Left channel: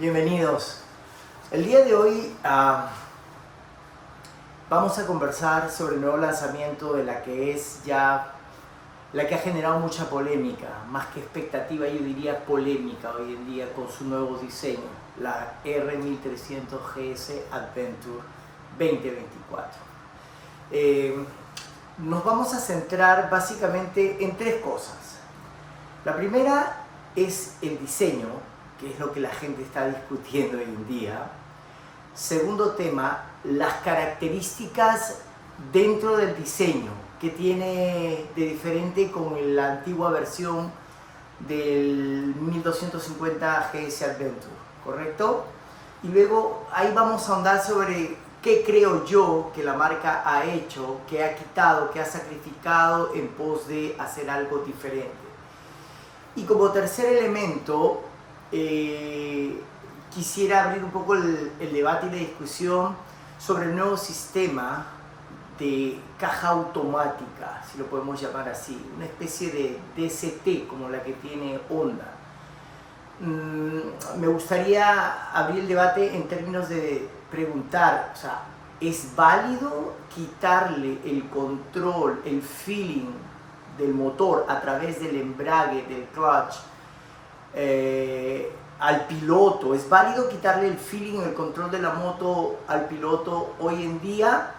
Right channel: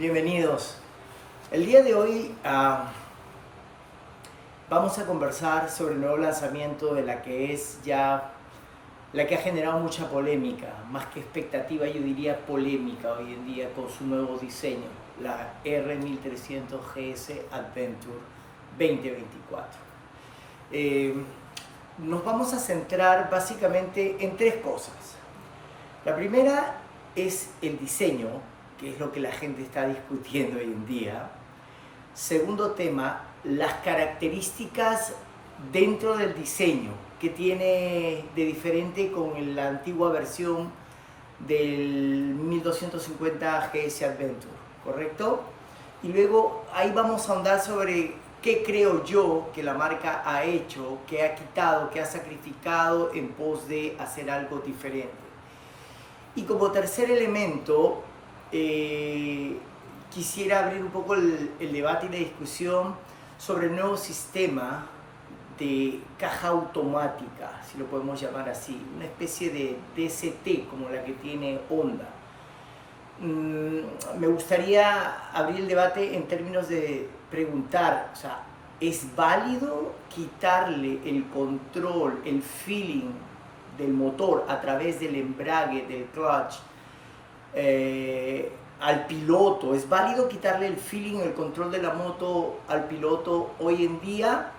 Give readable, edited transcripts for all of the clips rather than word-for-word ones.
Bienvenidos. El día de hoy vamos a conversar sobre el nuevo lanzamiento de la que es ya la que ha generado mucha polémica, más que expectativa, yo diría polémica hoy en día con su nuevo diseño, la R1300 GS Adventure 2024. Nos vamos a centrar básicamente en tres cosas. La primera es el diseño, que es lo que la gente está discutiendo hoy en día. Segundo tema, las características dentro del diseño que tiene de diferente con la antigua versión del 1250 GS Adventure, ¿correcto? Y luego ahí vamos a ahondar sobre qué creo yo que la marca ha hecho, que ha quitado, que ha sacrificado en pos de hacer algo diferente. Y como tercer elemento, quisiera abrir un poco el debate y la discusión sobre el nuevo sistema de caja automática, si lo podemos llamar así, una especie de DST como la que tiene Honda. Me gustaría abrir el debate en términos de preguntar, o sea, ¿es válido quitarle el control, el feeling del motor a través del embrague, del clutch, al piloto? ¿Es válido quitarle el feeling, el control de la moto al piloto hoy en día?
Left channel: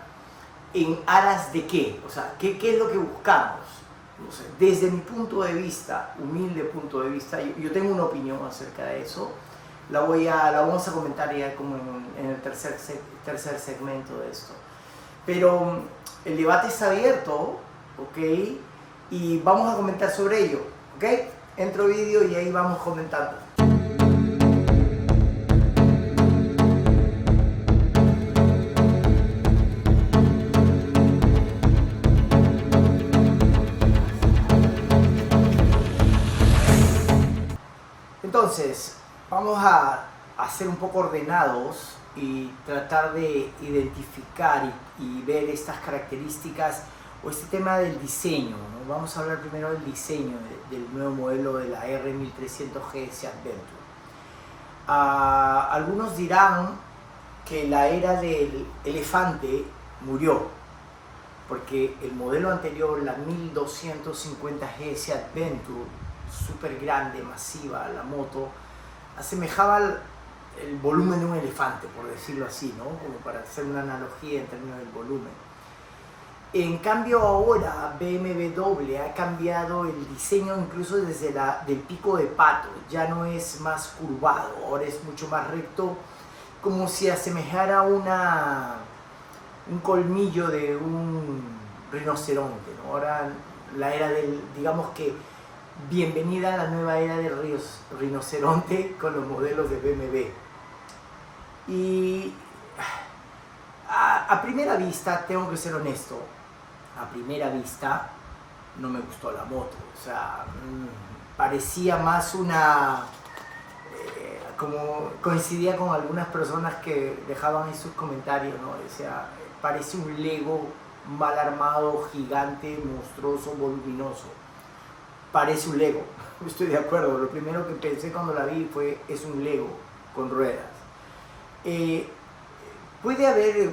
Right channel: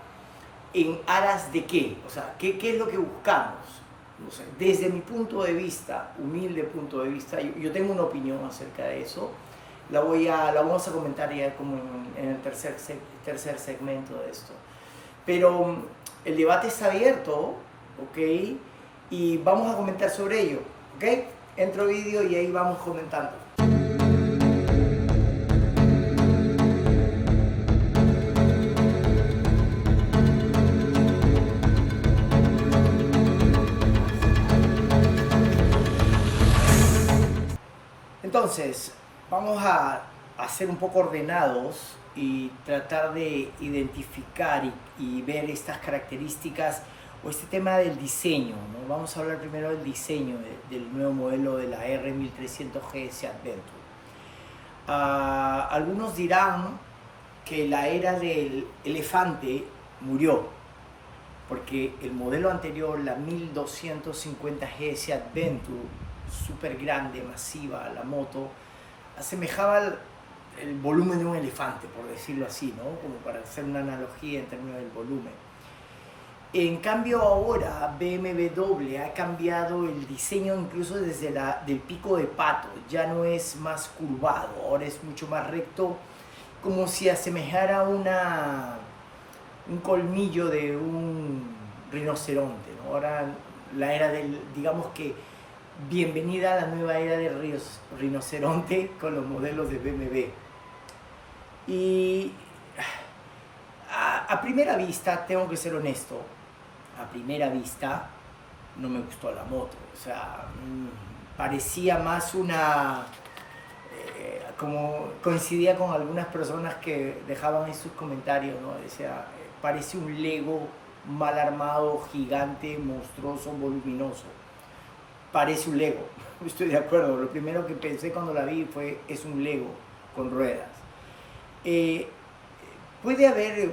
¿En aras de qué? O sea, ¿qué es lo que buscamos? No sé, desde mi punto de vista, humilde punto de vista, yo tengo una opinión acerca de eso. La vamos a comentar ya como en el tercer segmento de esto. Pero el debate está abierto, ¿ok? Y vamos a comentar sobre ello, ¿ok? Entro vídeo y ahí vamos comentando. Entonces, vamos a ser un poco ordenados y tratar de identificar y ver estas características o este tema del diseño, ¿no? Vamos a hablar primero del diseño del nuevo modelo de la R1300 GS Adventure. Algunos dirán que la era del elefante murió, porque el modelo anterior, la 1250 GS Adventure, súper grande, masiva, la moto, asemejaba el volumen de un elefante, por decirlo así, ¿no? Como para hacer una analogía en términos del volumen. En cambio ahora BMW ha cambiado el diseño incluso desde del pico de pato, ya no es más curvado, ahora es mucho más recto, como si asemejara un colmillo de un rinoceronte, ¿no? Ahora la era digamos que bienvenida a la nueva era del rinoceronte con los modelos de BMW. Y a primera vista, tengo que ser honesto, a primera vista no me gustó la moto. O sea, parecía más como coincidía con algunas personas que dejaban en sus comentarios, ¿no? Decía, parece un Lego mal armado, gigante, monstruoso, voluminoso. Parece un Lego, estoy de acuerdo. Lo primero que pensé cuando la vi fue, es un Lego con ruedas. Puede haber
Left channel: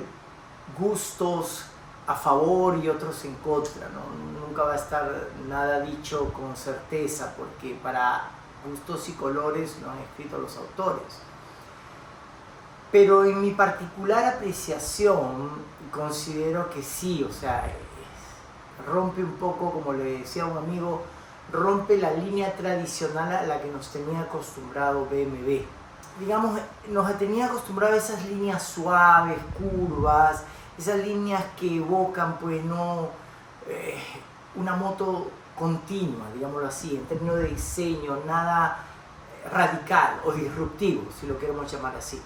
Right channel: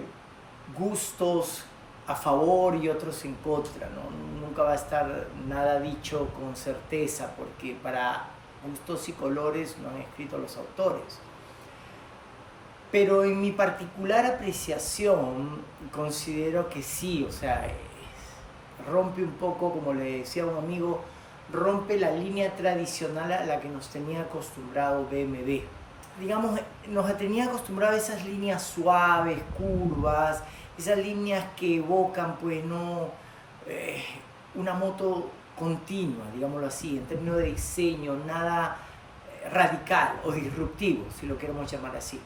gustos a favor y otros en contra, ¿no? Nunca va a estar nada dicho con certeza, porque para gustos y colores lo han escrito los autores. Pero en mi particular apreciación considero que sí, o sea, rompe un poco, como le decía a un amigo, rompe la línea tradicional a la que nos tenía acostumbrado BMW. Digamos, nos tenía acostumbrado a esas líneas suaves, curvas, esas líneas que evocan, pues, no una moto continua, digámoslo así, en términos de diseño, nada radical o disruptivo, si lo queremos llamar así.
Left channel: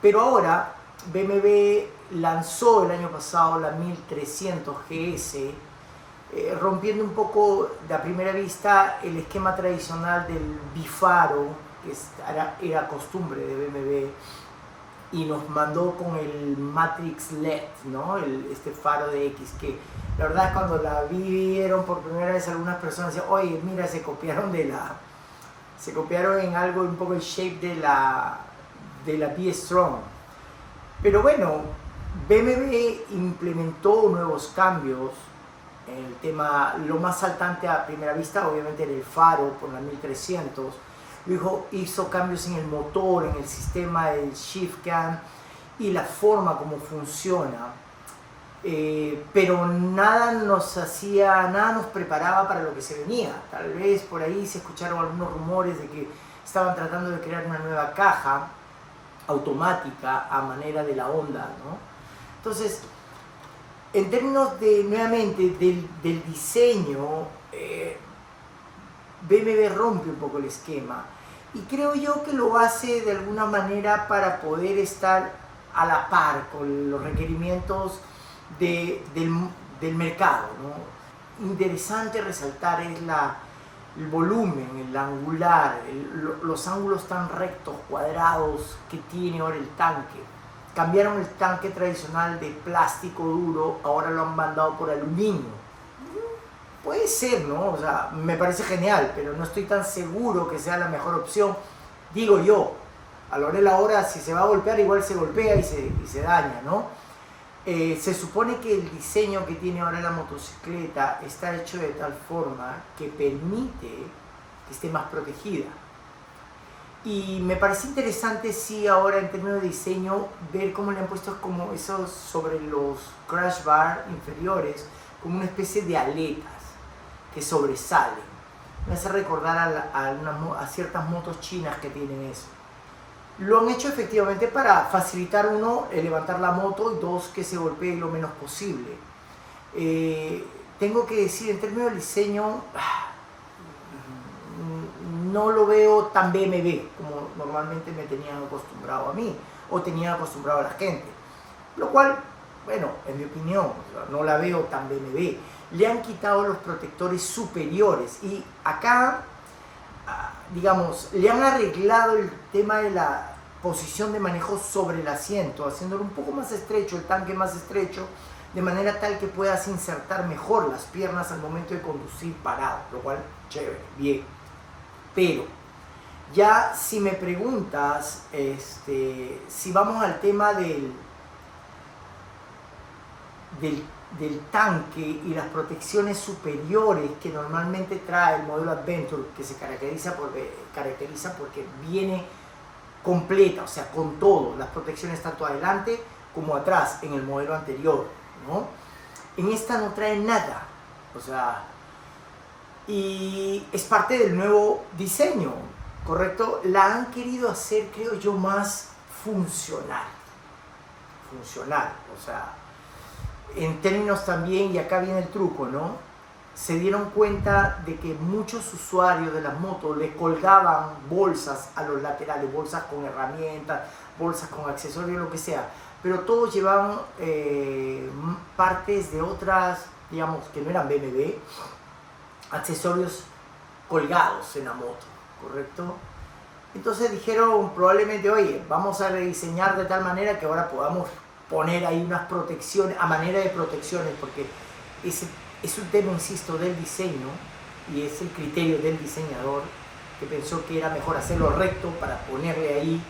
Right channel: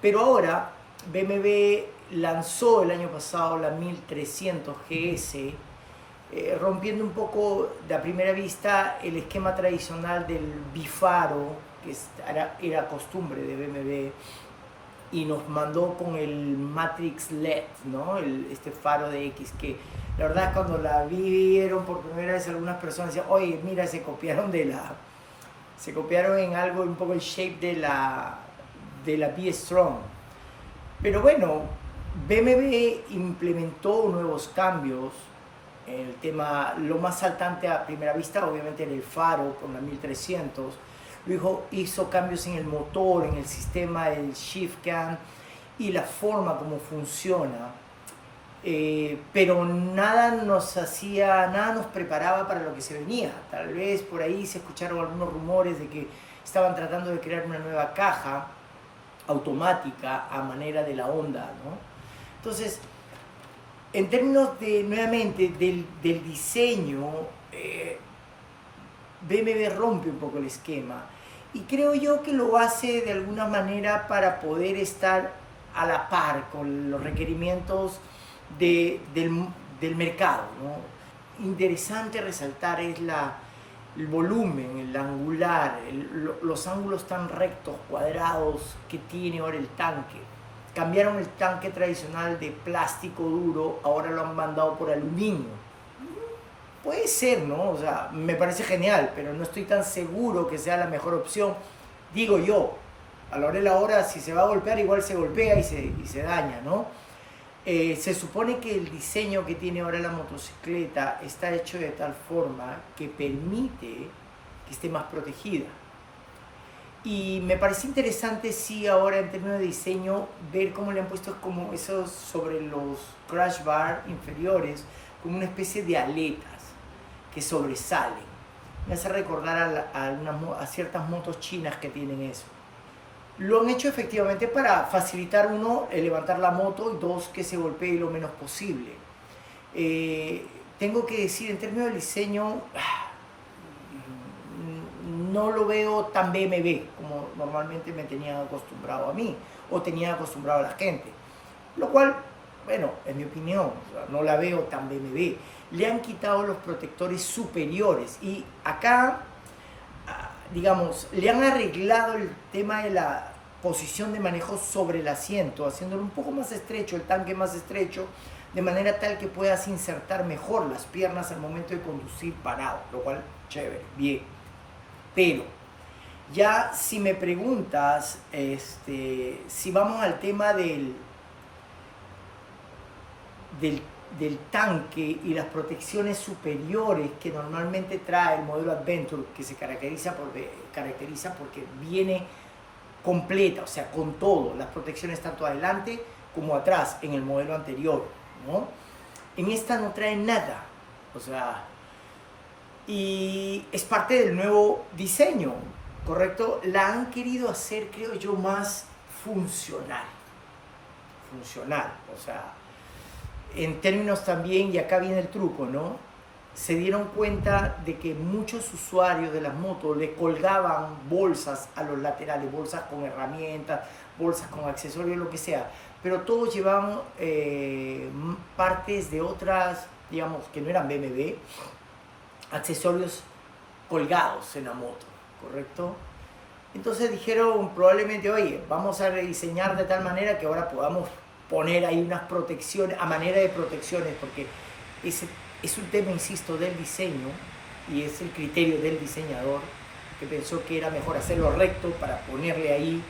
Pero ahora BMW lanzó el año pasado la 1300 GS, rompiendo un poco de a primera vista el esquema tradicional del bifaro, que era costumbre de BMW, y nos mandó con el Matrix LED, ¿no? Este faro de X, que la verdad cuando la vieron por primera vez algunas personas decían, oye, mira, se copiaron de Se copiaron en algo, un poco el shape de la B-Strong. Pero bueno, BMW implementó nuevos cambios. El tema, lo más saltante a primera vista, obviamente era el faro por la 1300. Luego hizo cambios en el motor, en el sistema del shift cam y la forma como funciona. Pero nada nos preparaba para lo que se venía. Tal vez por ahí se escucharon algunos rumores de que estaban tratando de crear una nueva caja automática a manera de la Honda, ¿no? Entonces, en términos de, nuevamente, del diseño, BMW rompe un poco el esquema y creo yo que lo hace de alguna manera para poder estar a la par con los requerimientos del mercado, ¿no? Interesante resaltar es el volumen, el angular, los ángulos tan rectos, cuadrados que tiene ahora el tanque. Cambiaron el tanque tradicional de plástico duro, ahora lo han mandado por aluminio. Puede ser, ¿no? O sea, me parece genial, pero no estoy tan seguro que sea la mejor opción. Digo yo, a la hora de la hora, si se va a golpear, igual se golpea y se daña, ¿no? Se supone que el diseño que tiene ahora la motocicleta está hecho de tal forma que permite que esté más protegida. Y me parece interesante, sí, ahora en términos de diseño, ver cómo le han puesto como esos sobre los crash bar inferiores, como una especie de aletas que sobresalen. Me hace recordar a ciertas motos chinas que tienen eso. Lo han hecho efectivamente para facilitar, uno, el levantar la moto, y dos, que se golpee lo menos posible. Tengo que decir, en términos de diseño, no lo veo tan BMW como normalmente me tenían acostumbrado a mí o tenían acostumbrado a la gente. Lo cual, bueno, en mi opinión, o sea, no la veo tan BMW. Le han quitado los protectores superiores y acá, digamos, le han arreglado el tema de la posición de manejo sobre el asiento, haciéndolo un poco más estrecho, el tanque más estrecho, de manera tal que puedas insertar mejor las piernas al momento de conducir parado, lo cual, chévere, bien. Pero, ya si me preguntas, si vamos al tema del tanque y las protecciones superiores que normalmente trae el modelo Adventure, que se caracteriza porque viene completa, o sea, con todo, las protecciones tanto adelante como atrás en el modelo anterior, ¿no? En esta no trae nada, o sea, y es parte del nuevo diseño, ¿correcto? La han querido hacer, creo yo, más funcional, o sea, en términos también, y acá viene el truco, ¿no? Se dieron cuenta de que muchos usuarios de las motos le colgaban bolsas a los laterales, bolsas con herramientas, bolsas con accesorios, lo que sea, pero todos llevaban partes de otras, digamos, que no eran BMW, accesorios colgados en la moto, ¿correcto? Entonces dijeron probablemente, oye, vamos a rediseñar de tal manera que ahora podamos poner ahí unas protecciones, a manera de protecciones, porque es un tema, insisto, del diseño y es el criterio del diseñador que pensó que era mejor hacerlo recto para ponerle ahí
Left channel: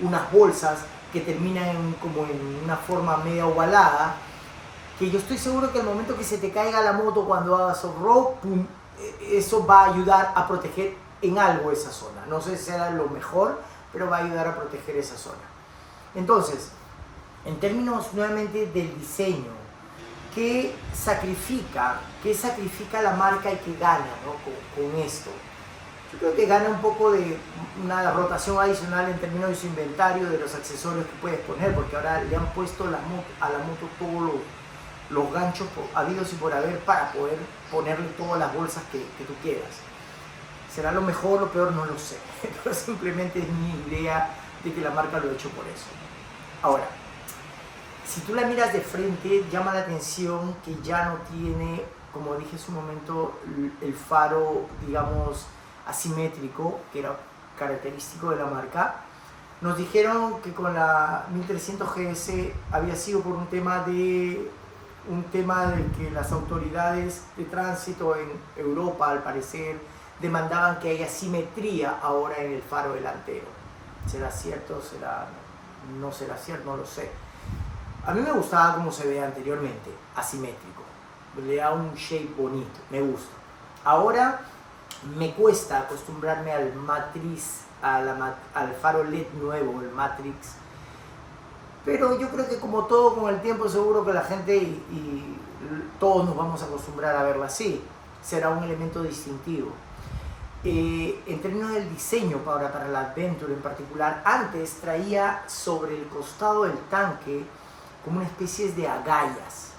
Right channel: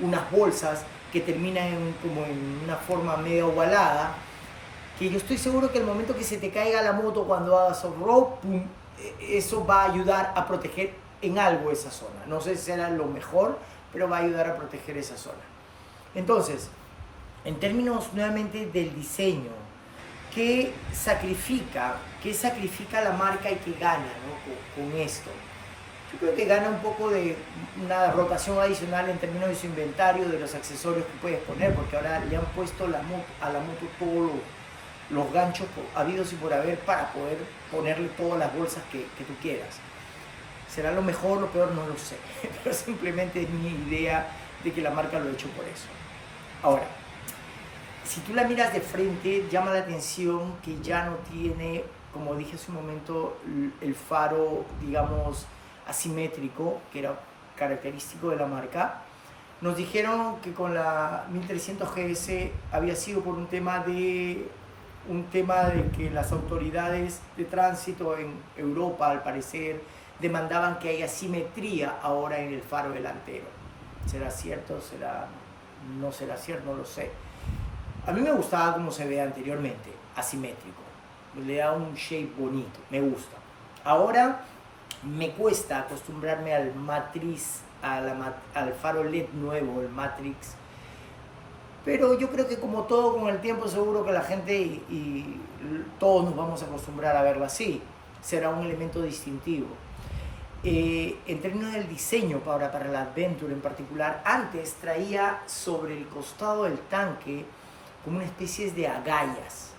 unas bolsas que terminan como en una forma media ovalada, que yo estoy seguro que al momento que se te caiga la moto cuando hagas off-road, eso va a ayudar a proteger en algo esa zona. No sé si será lo mejor, pero va a ayudar a proteger esa zona. Entonces, en términos nuevamente del diseño, ¿qué sacrifica la marca y qué gana, ¿no? con esto? Yo creo que gana un poco de una rotación adicional en términos de su inventario, de los accesorios que puedes poner, porque ahora le han puesto a la moto todos los ganchos habidos y por haber para poder ponerle todas las bolsas que tú quieras. ¿Será lo mejor o lo peor? No lo sé, pero simplemente es mi idea de que la marca lo ha hecho por eso. Ahora, si tú la miras de frente, llama la atención que ya no tiene, como dije hace un momento, el faro, digamos, asimétrico, que era característico de la marca. Nos dijeron que con la 1300 GS había sido por un tema de que las autoridades de tránsito en Europa, al parecer, demandaban que haya simetría ahora en el faro delantero. ¿Será cierto? ¿No será cierto? No lo sé. A mí me gustaba como se veía anteriormente, asimétrico. Le da un shape bonito, me gusta. Ahora me cuesta acostumbrarme al Matrix, al faro LED nuevo, el Matrix. Pero yo creo que como todo con el tiempo, seguro que la gente y todos nos vamos a acostumbrar a verlo así. Será un elemento distintivo. En términos del diseño para la Adventure en particular, antes traía sobre el costado del tanque como una especie de agallas,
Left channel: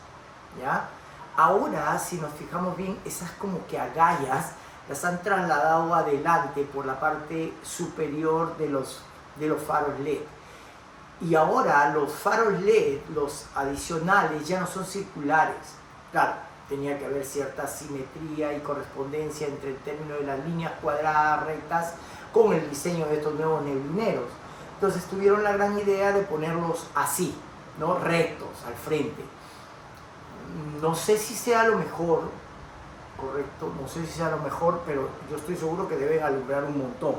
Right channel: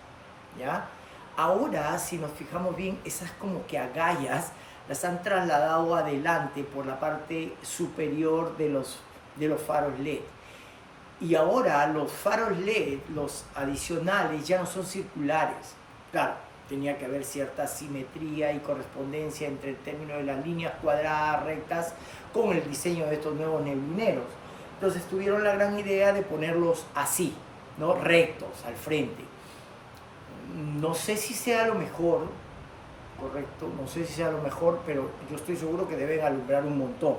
¿ya? Ahora, si nos fijamos bien, esas como que agallas las han trasladado adelante por la parte superior de los faros LED. Y ahora los faros LED, los adicionales, ya no son circulares. Claro, tenía que haber cierta simetría y correspondencia entre el término de las líneas cuadradas rectas con el diseño de estos nuevos neblineros. Entonces tuvieron la gran idea de ponerlos así, ¿no? Rectos, al frente. No sé si sea lo mejor, correcto, no sé si sea lo mejor, pero yo estoy seguro que deben alumbrar un montón,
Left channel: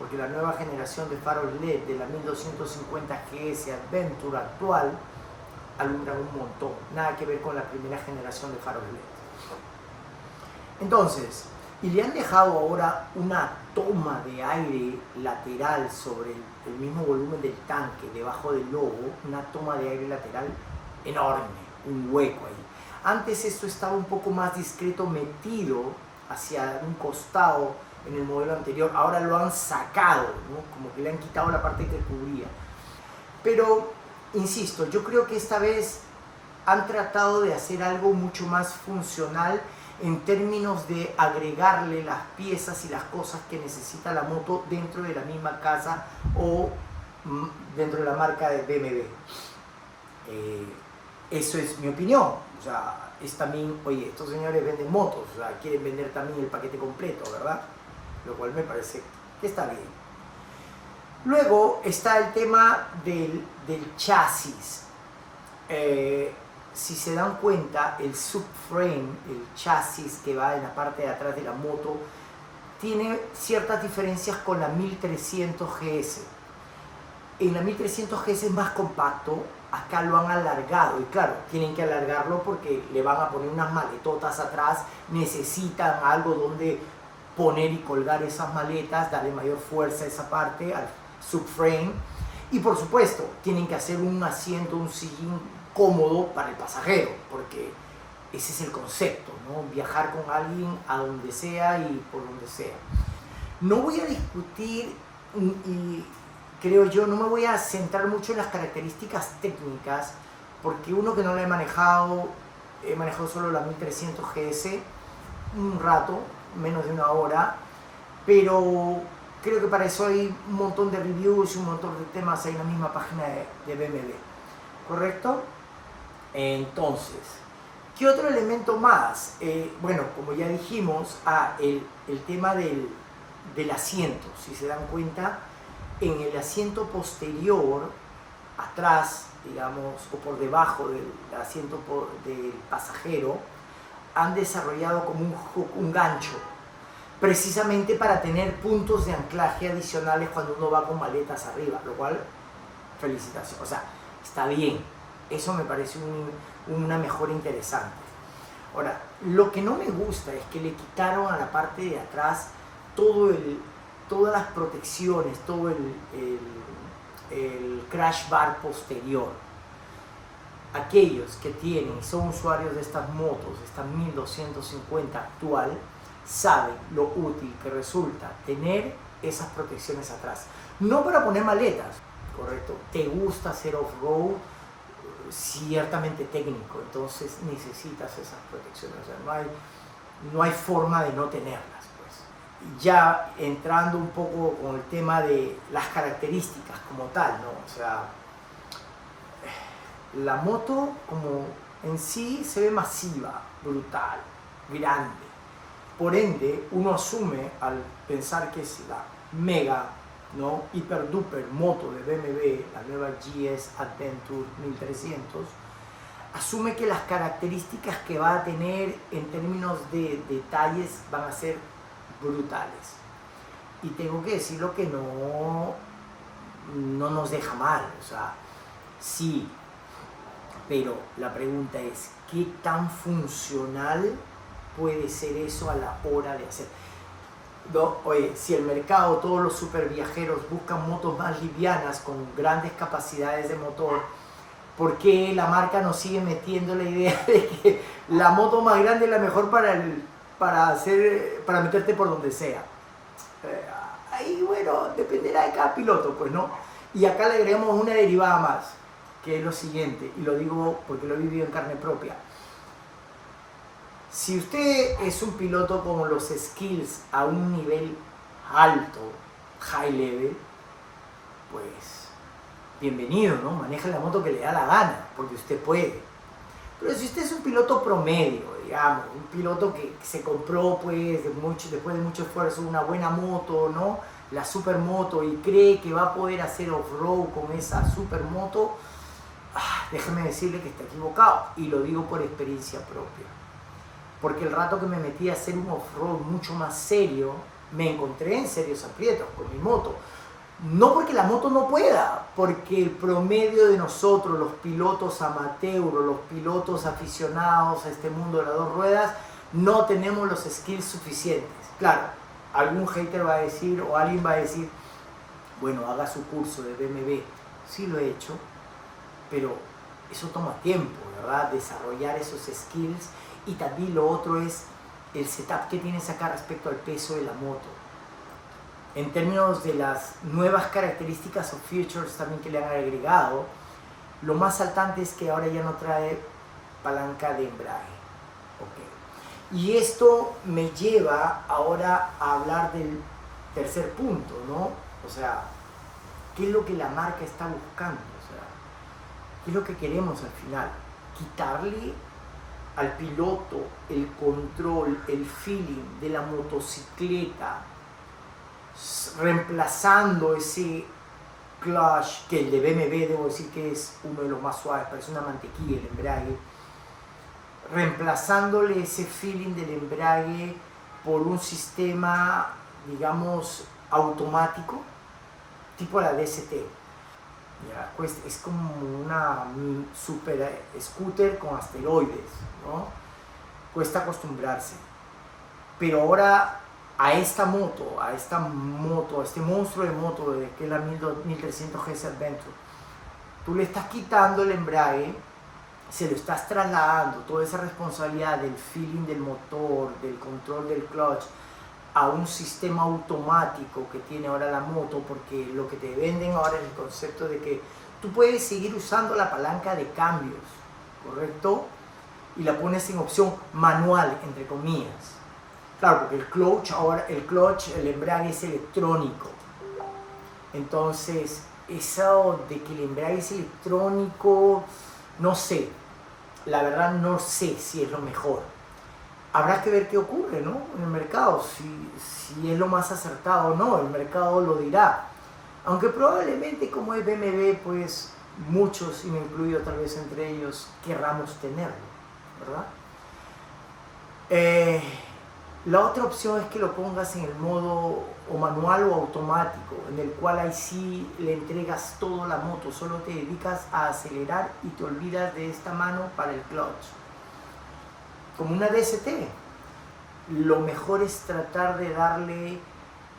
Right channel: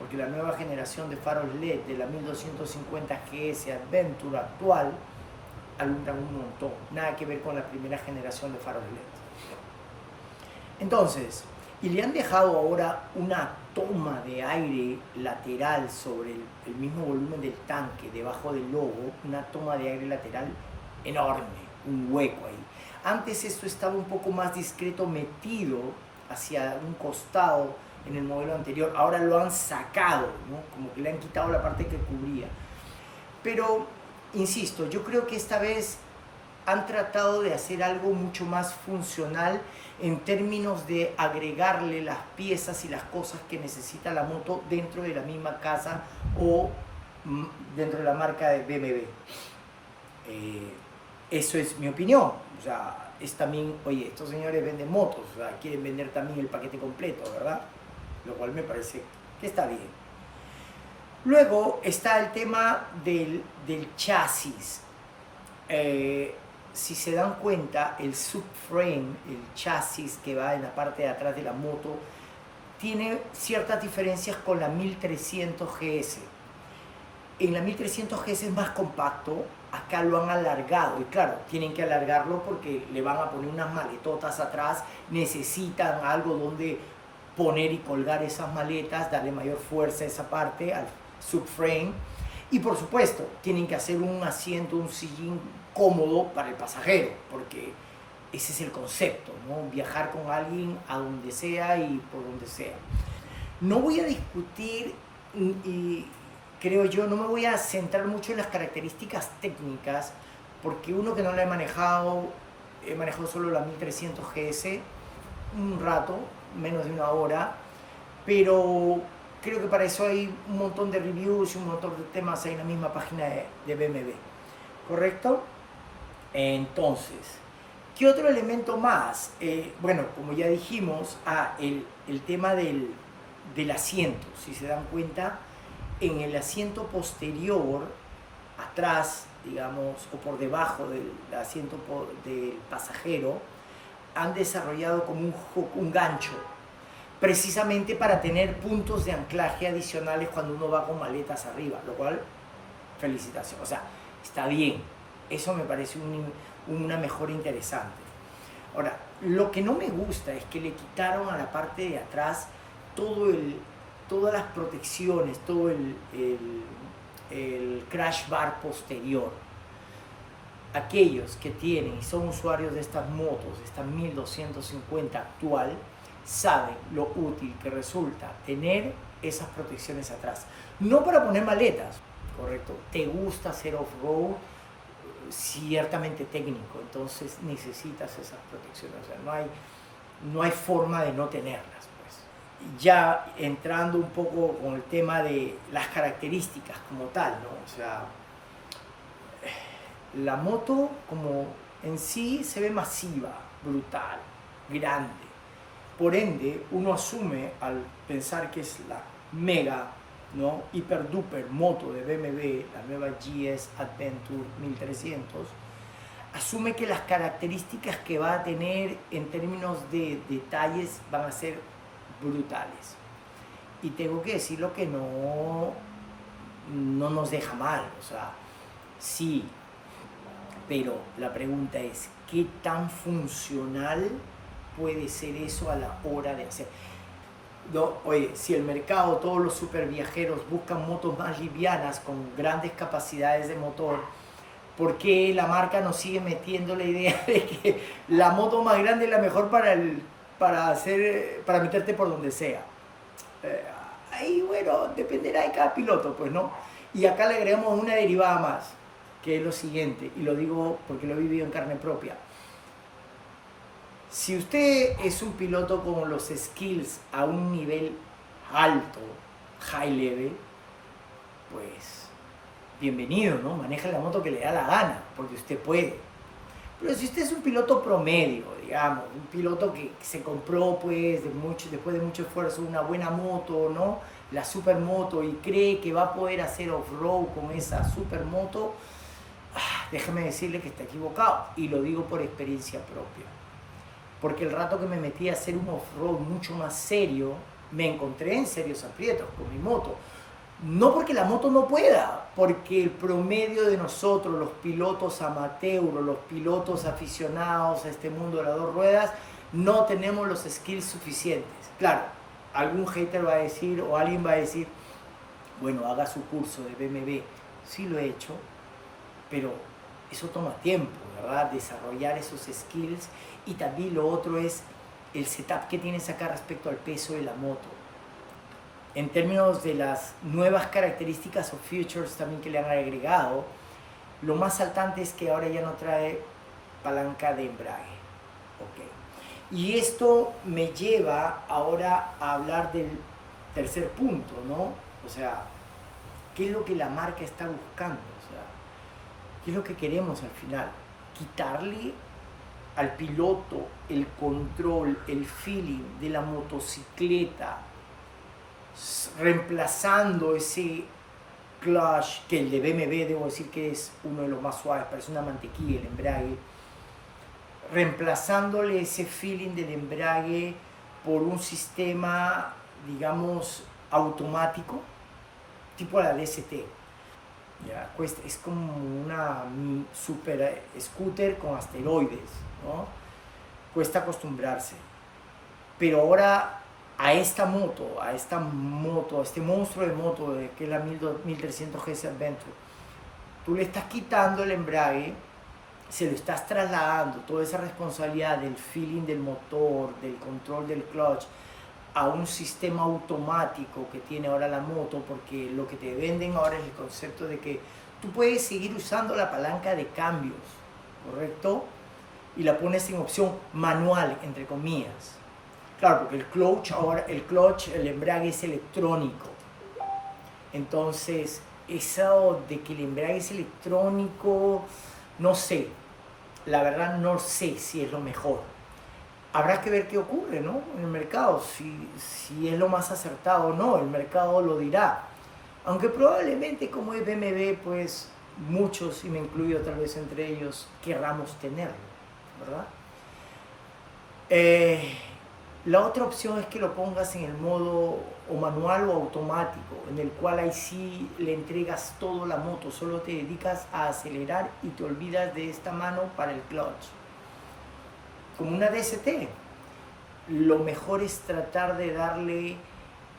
porque la nueva generación de faros LED de la 1250 GS Adventure actual alumbran un montón, nada que ver con la primera generación de faros LED. Entonces, y le han dejado ahora una toma de aire lateral sobre el mismo volumen del tanque, debajo del logo, una toma de aire lateral enorme, un hueco ahí. Antes esto estaba un poco más discreto, metido hacia un costado en el modelo anterior. Ahora lo han sacado, ¿no? Como que le han quitado la parte que cubría. Pero, insisto, yo creo que esta vez han tratado de hacer algo mucho más funcional en términos de agregarle las piezas y las cosas que necesita la moto dentro de la misma casa o dentro de la marca de BMW. Eso es mi opinión. O sea, es también, oye, estos señores venden motos, o sea, quieren vender también el paquete completo, ¿verdad? Lo cual me parece que está bien. Luego está el tema del chasis. Si se dan cuenta, el subframe, el chasis que va en la parte de atrás de la moto, tiene ciertas diferencias con la 1300 GS. En la 1300 GS es más compacto, acá lo han alargado, y claro, tienen que alargarlo porque le van a poner unas maletotas atrás, necesitan algo donde poner y colgar esas maletas, darle mayor fuerza a esa parte, al subframe, y por supuesto, tienen que hacer un asiento, un sillín cómodo para el pasajero, porque ese es el concepto, ¿no? Viajar con alguien a donde sea y por donde sea. No voy a discutir y creo yo, no me voy a centrar mucho en las características técnicas, porque uno que no la he manejado solo la 1300 GS un rato, menos de una hora, pero creo que para eso hay un montón de reviews y un montón de temas ahí en la misma página de BMW, ¿correcto? Entonces, ¿qué otro elemento más? Bueno, como ya dijimos, el tema del asiento. Si se dan cuenta, en el asiento posterior, atrás, digamos, o por debajo del asiento del pasajero, han desarrollado como un gancho, precisamente para tener puntos de anclaje adicionales cuando uno va con maletas arriba, lo cual, felicitaciones, o sea, está bien, eso me parece una mejora interesante. Ahora, lo que no me gusta es que le quitaron a la parte de atrás todas las protecciones, todo el crash bar posterior. Aquellos que tienen y son usuarios de estas motos, esta 1250 actual, saben lo útil que resulta tener esas protecciones atrás. No para poner maletas, ¿correcto? Te gusta hacer off-road, ciertamente técnico, entonces necesitas esas protecciones. O sea, no hay forma de no tenerlas. Ya entrando un poco con el tema de las características como tal, ¿no? O sea, la moto como en sí se ve masiva, brutal, grande. Por ende, uno asume al pensar que es la mega, ¿no? Hiper duper moto de BMW, la nueva GS Adventure 1300, asume que las características que va a tener en términos de detalles van a ser brutales. Y tengo que decir lo que no nos deja mal, o sea, sí, pero la pregunta es, ¿qué tan funcional puede ser eso a la hora de hacer? No, oye, si el mercado, todos los super viajeros buscan motos más livianas con grandes capacidades de motor, ¿por qué la marca nos sigue metiendo la idea de que la moto más grande es la mejor para meterte por donde sea? Ahí, bueno, dependerá de cada piloto, pues, ¿no? Y acá le agregamos una derivada más, que es lo siguiente, y lo digo porque lo he vivido en carne propia. Si usted es un piloto con los skills a un nivel alto, high level, pues bienvenido, ¿no? Maneja la moto que le da la gana, porque usted puede. Pero si usted es un piloto promedio, digamos, un piloto que se compró pues después de mucho esfuerzo una buena moto, ¿no? La supermoto, y cree que va a poder hacer off-road con esa supermoto, déjeme decirle que está equivocado, y lo digo por experiencia propia. Porque el rato que me metí a hacer un off-road mucho más serio, me encontré en serios aprietos con mi moto. No porque la moto no pueda, porque el promedio de nosotros, los pilotos amateur, los pilotos aficionados a este mundo de las dos ruedas, no tenemos los skills suficientes. Claro, algún hater va a decir, o alguien va a decir, bueno, haga su curso de BMW. Sí lo he hecho, pero eso toma tiempo, ¿verdad? Desarrollar esos skills. Y también lo otro es el setup que tienes acá respecto al peso de la moto. En términos de las nuevas características o features también que le han agregado, lo más saltante es que ahora ya no trae palanca de embrague. Okay. Y esto me lleva ahora a hablar del tercer punto, ¿no? O sea, ¿qué es lo que la marca está buscando? O sea, ¿qué es lo que queremos al final? Quitarle al piloto el control, el feeling de la motocicleta, reemplazando ese clutch, que el de BMW debo decir que es uno de los más suaves, parece una mantequilla el embrague, reemplazándole ese feeling del embrague por un sistema, digamos, automático, tipo la DST. Ya, es como una super scooter con asteroides, ¿no? Cuesta acostumbrarse. Pero ahora a este monstruo de moto que es la 1300 GS Adventure, tú le estás quitando el embrague, se lo estás trasladando, toda esa responsabilidad del feeling del motor, del control del clutch, a un sistema automático que tiene ahora la moto, porque lo que te venden ahora es el concepto de que tú puedes seguir usando la palanca de cambios, ¿correcto? Y la pones en opción manual, entre comillas. Claro, porque el embrague es electrónico. Entonces, eso de que el embrague es electrónico, no sé. La verdad no sé si es lo mejor. Habrá que ver qué ocurre, ¿no? En el mercado, si es lo más acertado o no, el mercado lo dirá. Aunque probablemente como es BMW, pues muchos, y me incluyo tal vez entre ellos, querramos tenerlo, ¿verdad? La otra opción es que lo pongas en el modo o manual o automático, en el cual ahí sí le entregas todo la moto, solo te dedicas a acelerar y te olvidas de esta mano para el clutch. Como una DST, lo mejor es tratar de darle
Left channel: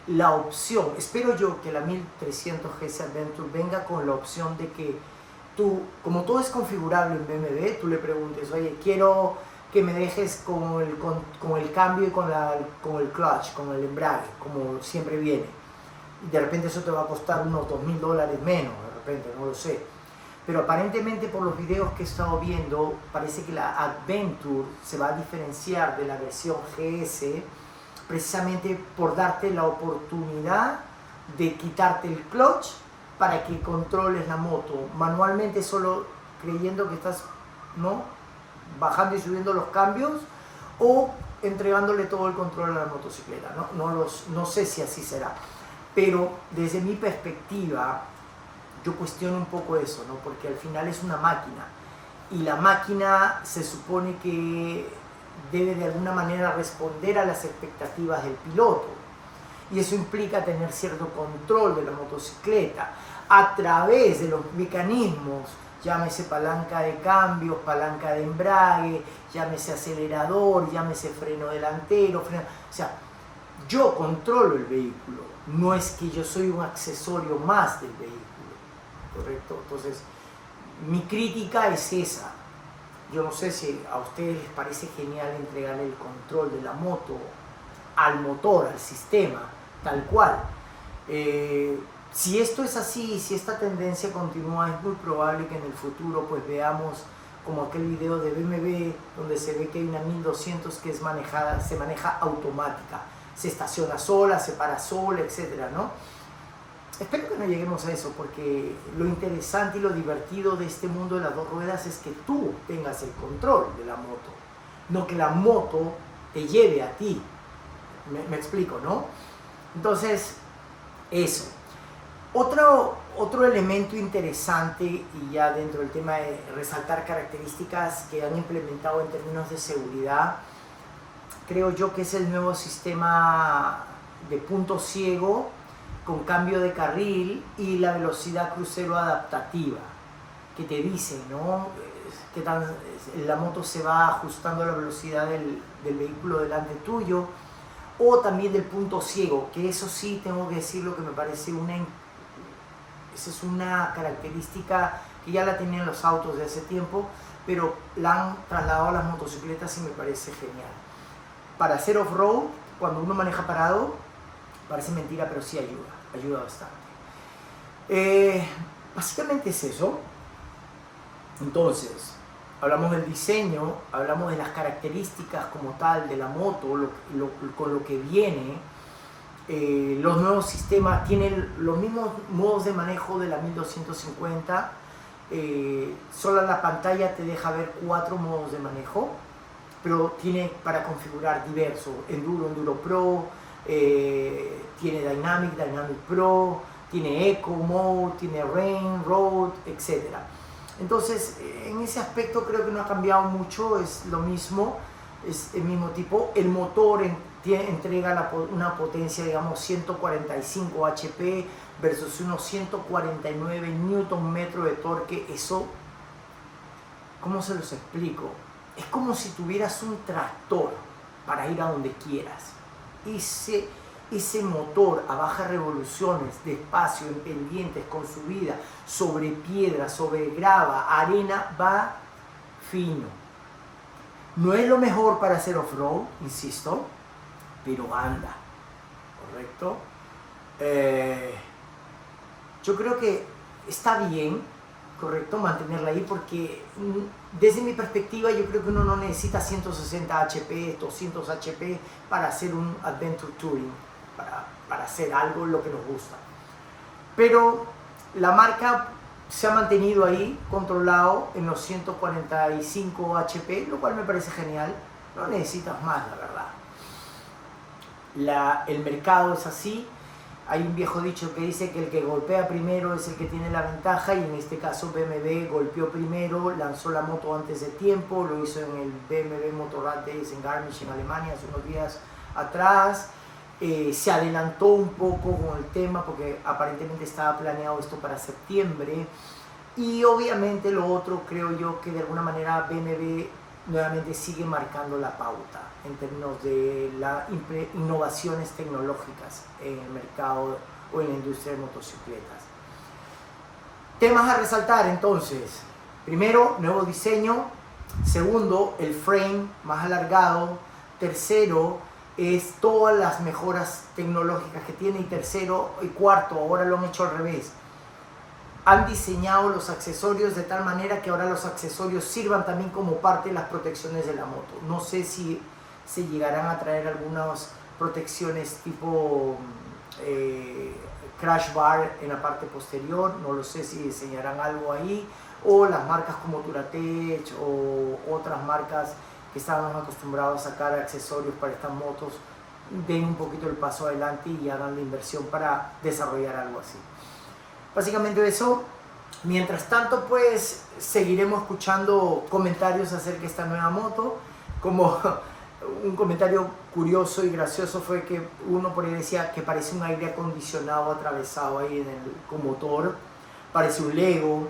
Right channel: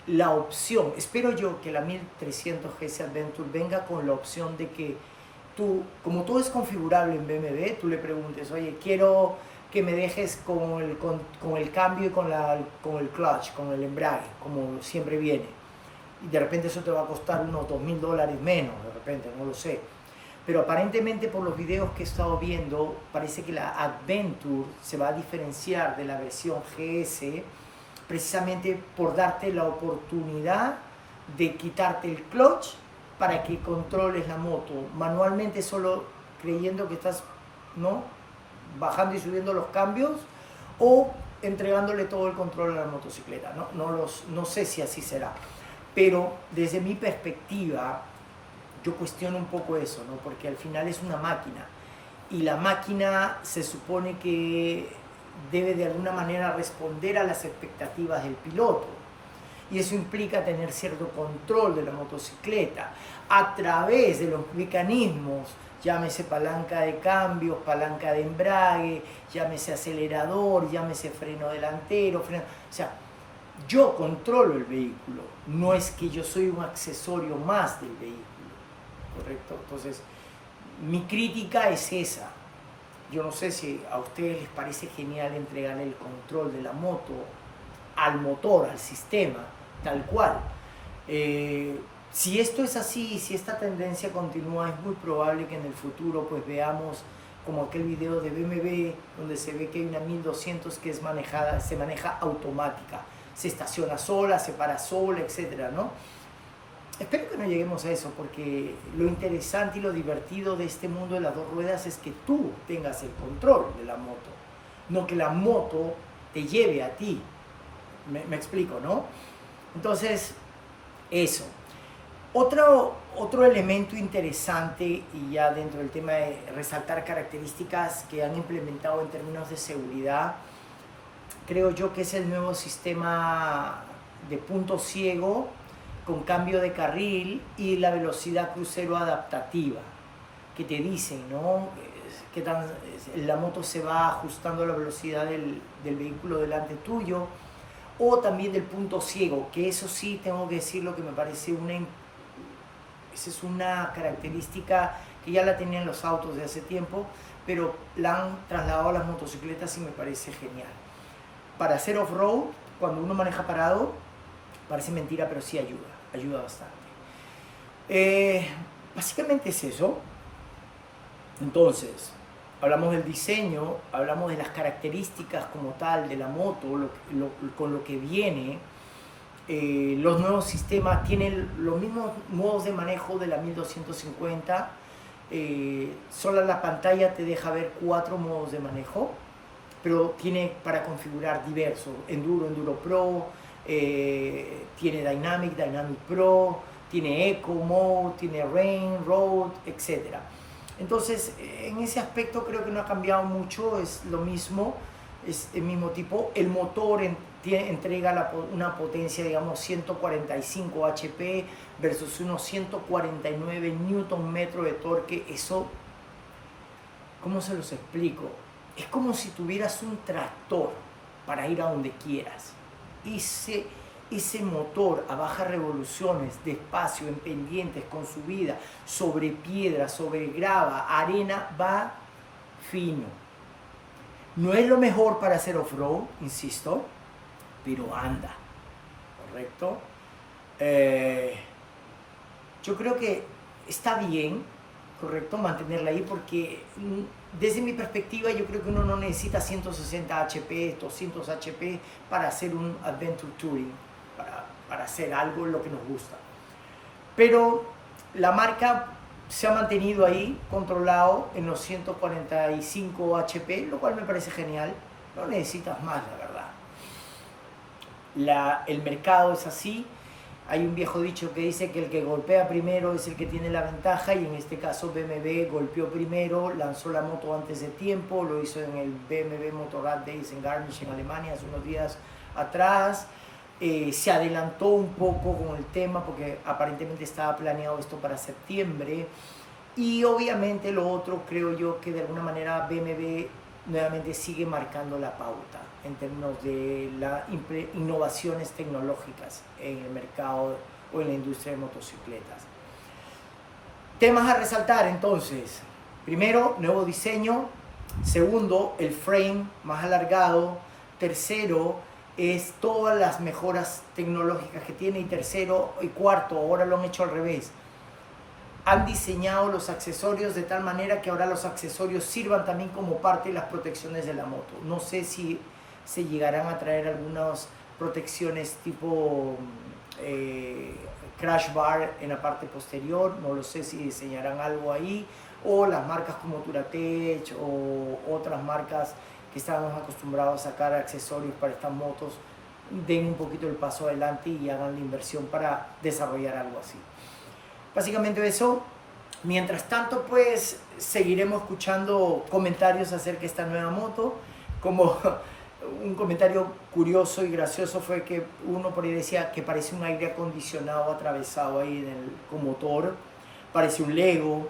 la opción. Espero yo que la 1300 GS Adventure venga con la opción de que tú, como todo es configurable en BMW, tú le preguntes, oye, quiero que me dejes con el cambio y con el clutch, con el embrague, como siempre viene. Y de repente eso te va a costar unos $2000 menos, de repente, no lo sé. Pero aparentemente por los videos que he estado viendo, parece que la Adventure se va a diferenciar de la versión GS precisamente por darte la oportunidad de quitarte el clutch para que controles la moto manualmente, solo creyendo que estás, ¿no?, bajando y subiendo los cambios, o entregándole todo el control a la motocicleta. No sé si así será, pero desde mi perspectiva yo cuestiono un poco eso, ¿no? Porque al final es una máquina y la máquina se supone que debe de alguna manera responder a las expectativas del piloto. Y eso implica tener cierto control de la motocicleta a través de los mecanismos, llámese palanca de cambios, palanca de embrague, llámese acelerador, llámese freno delantero, o sea, yo controlo el vehículo, no es que yo soy un accesorio más del vehículo, ¿correcto? Entonces, mi crítica es esa. Yo no sé si a ustedes les parece genial entregarle el control de la moto al motor, al sistema, tal cual. Si esto es así, si esta tendencia continúa, es muy probable que en el futuro pues veamos como aquel video de BMW donde se ve que hay una 1200 que se maneja automática, se estaciona sola, se para sola, etcétera, ¿no? Espero que no lleguemos a eso, porque lo interesante y lo divertido de este mundo de las dos ruedas es que tú tengas el control de la moto, no que la moto te lleve a ti. Me explico, ¿no? Entonces, eso. Otro elemento interesante, y ya dentro del tema de resaltar características que han implementado en términos de seguridad, creo yo que es el nuevo sistema de punto ciego con cambio de carril y la velocidad crucero adaptativa, que te dicen, ¿no? Que la moto se va ajustando a la velocidad del vehículo delante tuyo, o también del punto ciego, que eso sí tengo que decirlo que me parece esa es una característica que ya la tenían los autos de hace tiempo, pero la han trasladado a las motocicletas y me parece genial. Para hacer off-road, cuando uno maneja parado, parece mentira, pero sí ayuda bastante. Básicamente es eso. Entonces, hablamos del diseño, hablamos de las características como tal de la moto, con lo que viene. Los nuevos sistemas tienen los mismos modos de manejo de la 1250. Solo la pantalla te deja ver 4 modos de manejo, pero tiene para configurar diversos: Enduro Pro, tiene Dynamic Pro, tiene Eco Mode, tiene Rain, Road, etc. Entonces, en ese aspecto creo que no ha cambiado mucho, es lo mismo, es el mismo tipo. El motor entrega una potencia, digamos, 145 HP versus unos 149 Nm de torque. Eso, ¿cómo se los explico? Es como si tuvieras un tractor para ir a donde quieras. Ese motor a bajas revoluciones, despacio, en pendientes, con subida, sobre piedra, sobre grava, arena, va fino. No es lo mejor para hacer off-road, insisto, pero anda, ¿correcto? Yo creo que está bien, ¿correcto?, mantenerla ahí, porque desde mi perspectiva yo creo que uno no necesita 160 HP, 200 HP para hacer un Adventure Touring, para hacer algo lo que nos gusta. Pero la marca se ha mantenido ahí, controlado en los 145 HP, lo cual me parece genial. No necesitas más, la verdad. El mercado es así. Hay un viejo dicho que dice que el que golpea primero es el que tiene la ventaja, y en este caso BMW golpeó primero, lanzó la moto antes de tiempo, lo hizo en el BMW Motorrad Days en Garmisch, en Alemania, hace unos días atrás. Se adelantó un poco con el tema porque aparentemente estaba planeado esto para septiembre. Y obviamente lo otro, creo yo que de alguna manera BMW nuevamente sigue marcando la pauta en términos de las innovaciones tecnológicas en el mercado o en la industria de motocicletas. Temas a resaltar entonces: primero, nuevo diseño; segundo, el frame más alargado; tercero, es todas las mejoras tecnológicas que tiene; y tercero y cuarto, ahora lo han hecho al revés, han diseñado los accesorios de tal manera que ahora los accesorios sirvan también como parte de las protecciones de la moto. No sé si se llegarán a traer algunas protecciones tipo crash bar en la parte posterior, no lo sé si diseñarán algo ahí, o las marcas como Duratech o otras marcas que estábamos acostumbrados a sacar accesorios para estas motos den un poquito el paso adelante y hagan la inversión para desarrollar algo así. Básicamente eso. Mientras tanto, pues seguiremos escuchando comentarios acerca de esta nueva moto. Como un comentario curioso y gracioso fue que uno por ahí decía que parece un aire acondicionado atravesado ahí con motor, parece un Lego,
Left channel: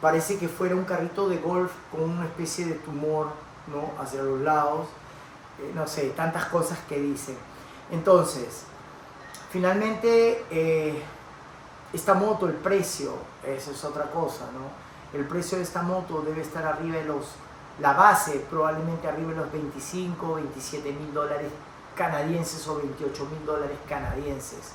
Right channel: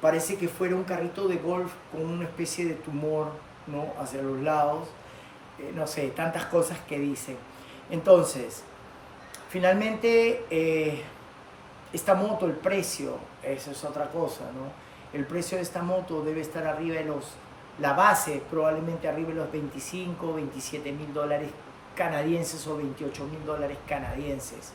parece que fuera un carrito de golf con una especie de tumor, ¿no?, hacia los lados, no sé, tantas cosas que dicen. Entonces, finalmente, esta moto, el precio, esa es otra cosa, ¿no? El precio de esta moto debe estar arriba de la base, probablemente arriba de los 25, 27 mil dólares canadienses o 28 mil dólares canadienses.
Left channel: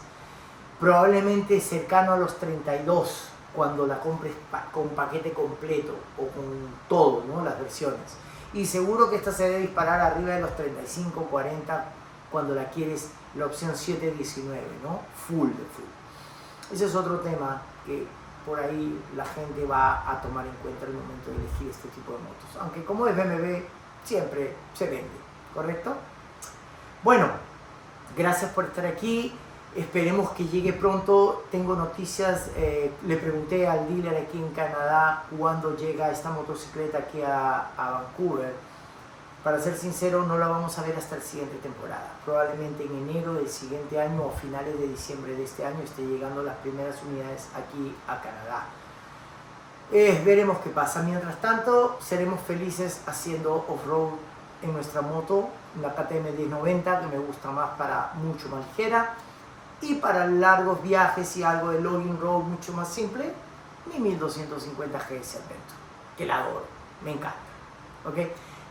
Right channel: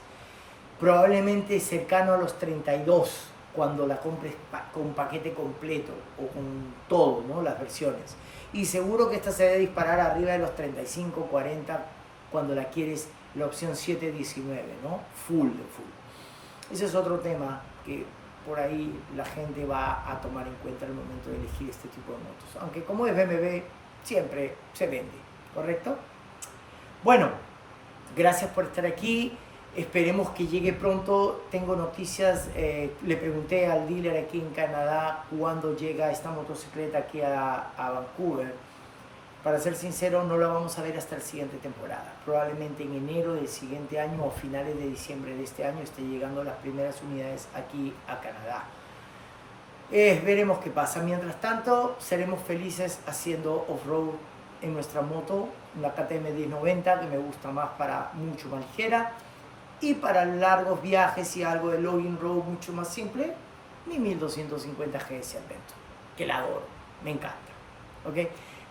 Probablemente cercano a los 32 cuando la compres con paquete completo o con todo, ¿no?, las versiones. Y seguro que esta se debe disparar arriba de los 35, 40 cuando la quieres la opción 719, ¿no? Full de full. Ese es otro tema que por ahí la gente va a tomar en cuenta al momento de elegir este tipo de motos. Aunque como es BMW, siempre se vende, ¿correcto? Bueno, gracias por estar aquí. Esperemos que llegue pronto. Tengo noticias. Le pregunté al dealer aquí en Canadá cuándo llega esta motocicleta aquí a Vancouver. Para ser sincero, no la vamos a ver hasta la siguiente temporada. Probablemente en enero del siguiente año o finales de diciembre de este año esté llegando las primeras unidades aquí a Canadá. Veremos qué pasa. Mientras tanto, seremos felices haciendo off-road en nuestra moto, la KTM 1090, que me gusta más para mucho más ligera. Y para largos viajes y algo de logging road mucho más simple, mi 1250 GS Adventure, que la adoro, me encanta. ¿Ok?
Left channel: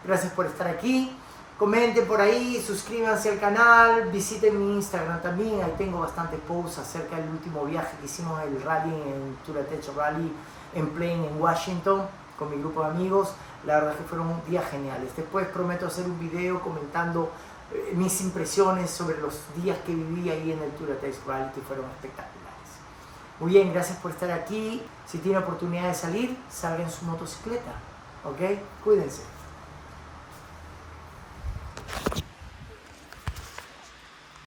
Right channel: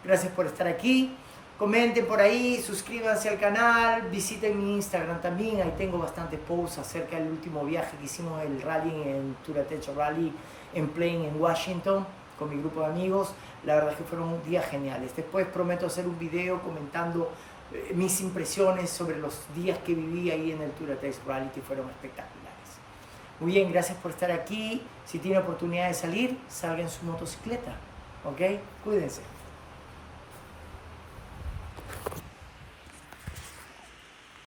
Gracias por estar aquí. Comenten por ahí, suscríbanse al canal, visiten mi Instagram también. Ahí tengo bastantes posts acerca del último viaje que hicimos, el rally en Touratech Rally en Plain en Washington con mi grupo de amigos. La verdad es que fueron días geniales. Después prometo hacer un video comentando mis impresiones sobre los días que viví ahí en el Touratech Rally, que fueron espectaculares. Muy bien, gracias por estar aquí. Si tiene oportunidad de salir, salga en su motocicleta. ¿Ok? Cuídense.